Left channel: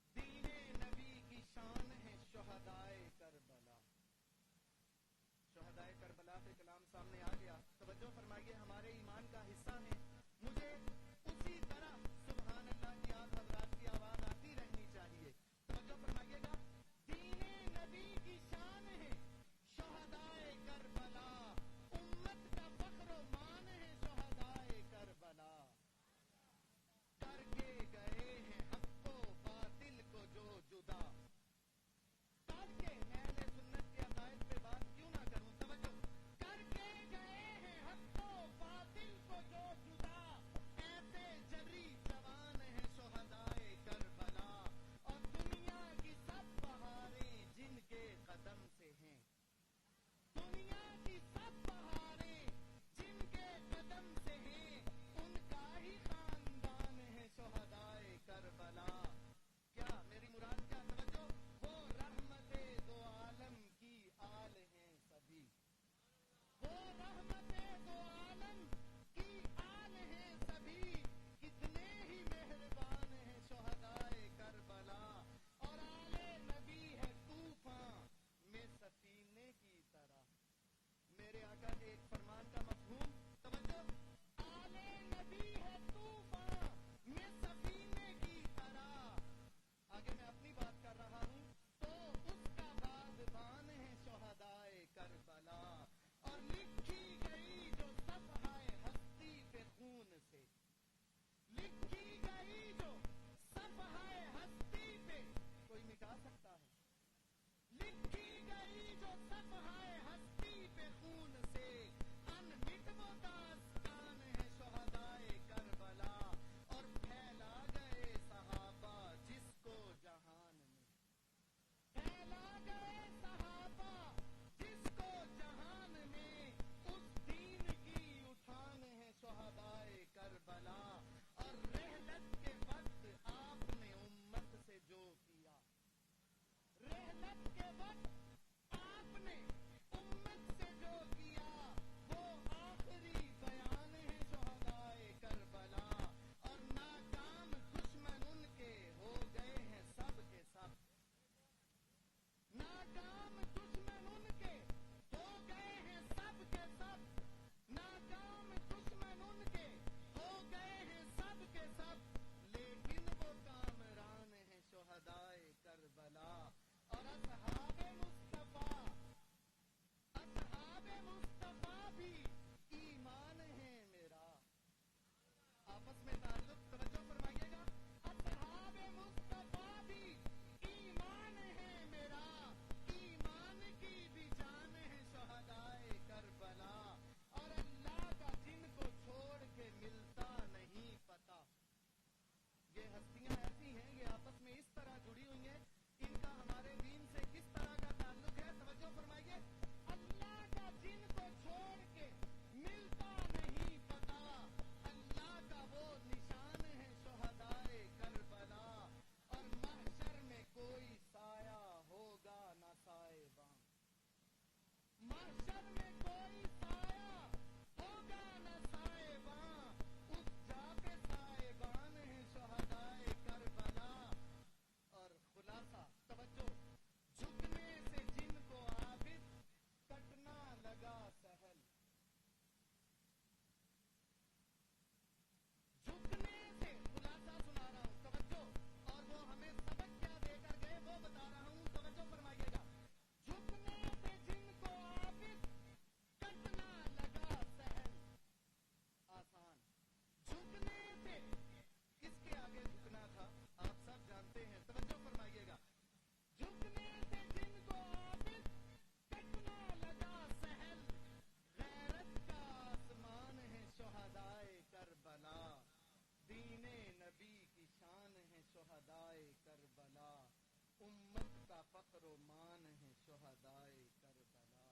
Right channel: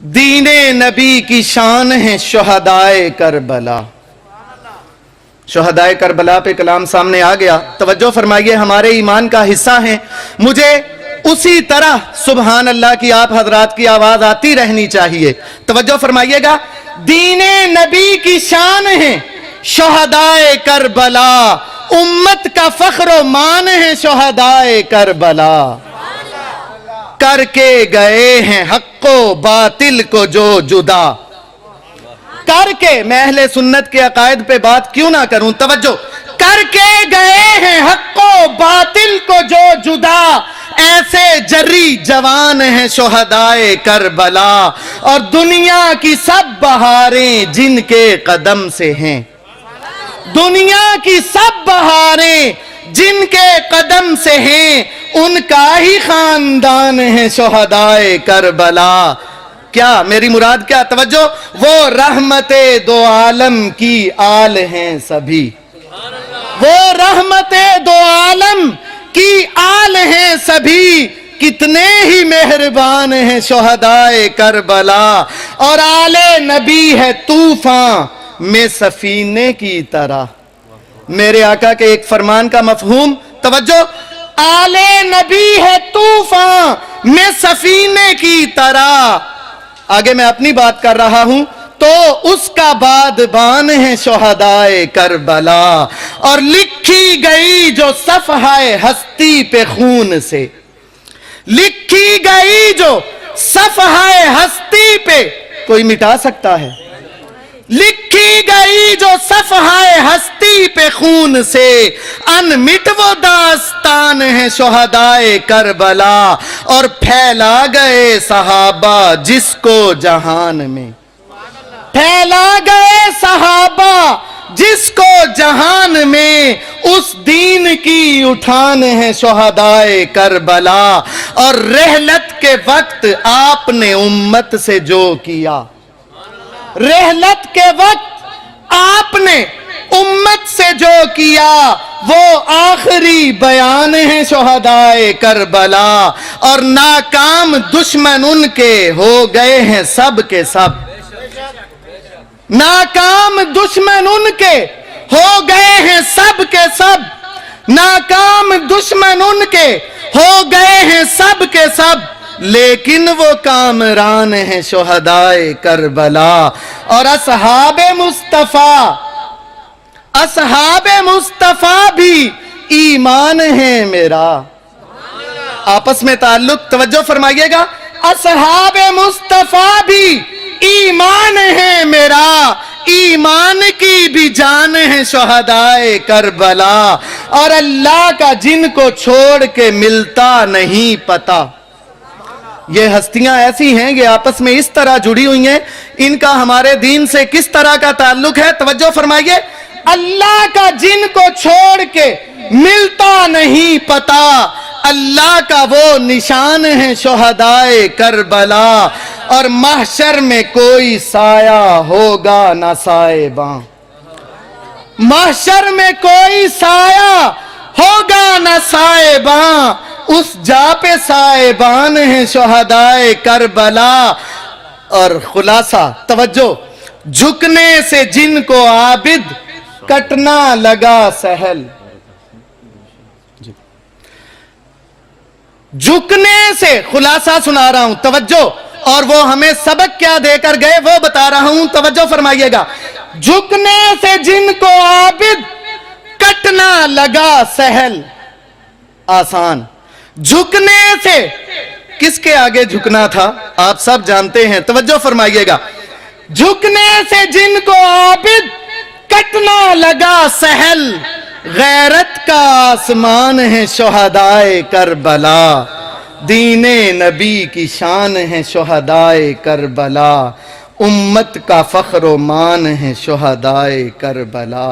دین نبی کی شان ہے شہدائے کربلا۔ شہدائے کربلا پہ کلام سامنے آ گیا، توجہ فرمائیے، ہمارے ایمان کا حصہ ہیں۔ مجھے اسی طرح سبحان اللہ کی آپ حضرات کی آواز آتی رہنی چاہیے۔ توجہ فرمائیے گا، دین نبی کی شان ہے شہدائے کربلا، امت کا فخر و مان ہے شہدائے کربلا۔ کر کے گئے ہیں حق و باطل کو جو جدا، کر کے، میں اہل سنت کے عقائد پہ بات کیوں نہ کروں، توجہ، کر کے گئے ہیں حق و باطل کو جو جدا، ایسے جری جوان ہیں شہدائے کربلا، اور دنیا کی سب بہاریں جن کے قدم سے ہیں، دنیا کی سب بہاریں جن کے قدم سے ہیں، ان کا ہی خاندان ہے شہدائے کربلا۔ کیا میری مراد کیا، توجہ، وہ رحمت دو عالم کی آل ہیں سبھی، وہ رحمت دو عالم کی آل ہیں سبھی، کتنے ہی مہربان ہیں شہدائے کربلا، اور آل نبی ہے طوفان میں سفینے کی طرح۔ میرے آقا کے ایک فرمان کا مفہوم، توجہ، آل نبی ہے طوفان میں سفینے کی طرح۔ آگے میں اپنی بات کر رہا ہوں تو اس کا بادبان ہے شہدائے کربلا، اور لکھی گئی جو صفحہ ہستی پہ خون سے، لکھی گئی جو صفحہ ہستی پہ، کوئی مٹا سکتا ہے؟ لکھی گئی جو صفحہ ہستی پہ خون سے، انمٹ وہ داستان ہے شہدائے کربلا، اور پھیلا گئے صحابہ جس کو جہان میں، پھیلا گئے صحابہ جس کو جہان میں، اس دین کی اٹھان ہے شہدائے کربلا، اور رحلت کے وقت آپ نے امت سے جو کیا، رحلت کے وقت آپ نے امت سے جو کیا، وہ آخری بیان ہے شہدائے کربلا، اور ناکام دشمن ان کے ہو گئے ہیں سب کے سب، ناکام دشمن ان کے ہو گئے ہیں سب کے سب، ناکام دشمن ان کے ہو گئے ہیں سب کے سب، لیکن وہ کامران ہیں شہدائے کربلا، اور اصحاب مصطفیٰ، اصحاب مصطفیٰ بھی ایمان ہے میرا۔ آپس میں تعلق، توجہ فرمائیے گا، اصحاب مصطفیٰ بھی ایمان ہے میرا، ایمان کی بھی جان ہے شہدائے کربلا، اور اللہ کا جن کو چھوڑ کے ملتا نہیں پتا۔ یہ ہستیاں ایسی ہیں، یہ آپس میں اس طرح جڑی ہوئی ہیں، ان کا ہمارے دین سے کس طرح کا تعلق ہے، توجہ فرمائیے، اللہ کا جن کو چھوڑ کے ملتا نہیں پتا، اللہ کا وہ نشان ہے شہدائے کربلا، اور محشر میں کوئی سایہ ہوگا نہ سائباں، محشر میں کوئی سایہ ہوگا نہ سائباں، اس جا پہ سائبان ہیں شہدائے کربلا، اور خلاصہ، توجہ، جھکنے سے جن کو عابد کٹنا لگا سہل، جھکنے سے، خلاصہ سنا رہا ہوں، توجہ، اور وہ ہمیں سبق کیا دے کر گئے وہ بتا رہا ہوں، توجہ فرمائیے گا، جھکنے سے جن کو عابد کٹنا لگا سہل، آسان، جھکنے سے کس کے آگے جھکنا تھا آپ سب جانتے ہیں، توجہ فرمائیے گا، جھکنے سے جن کو عابد کٹنا لگا سہل، غیرت کا آسمان ہے شہدائے کربلا، دین نبی کی شان ہے شہدائے کربلا، امت کا فخر و مان ہے شہدائے کربلا۔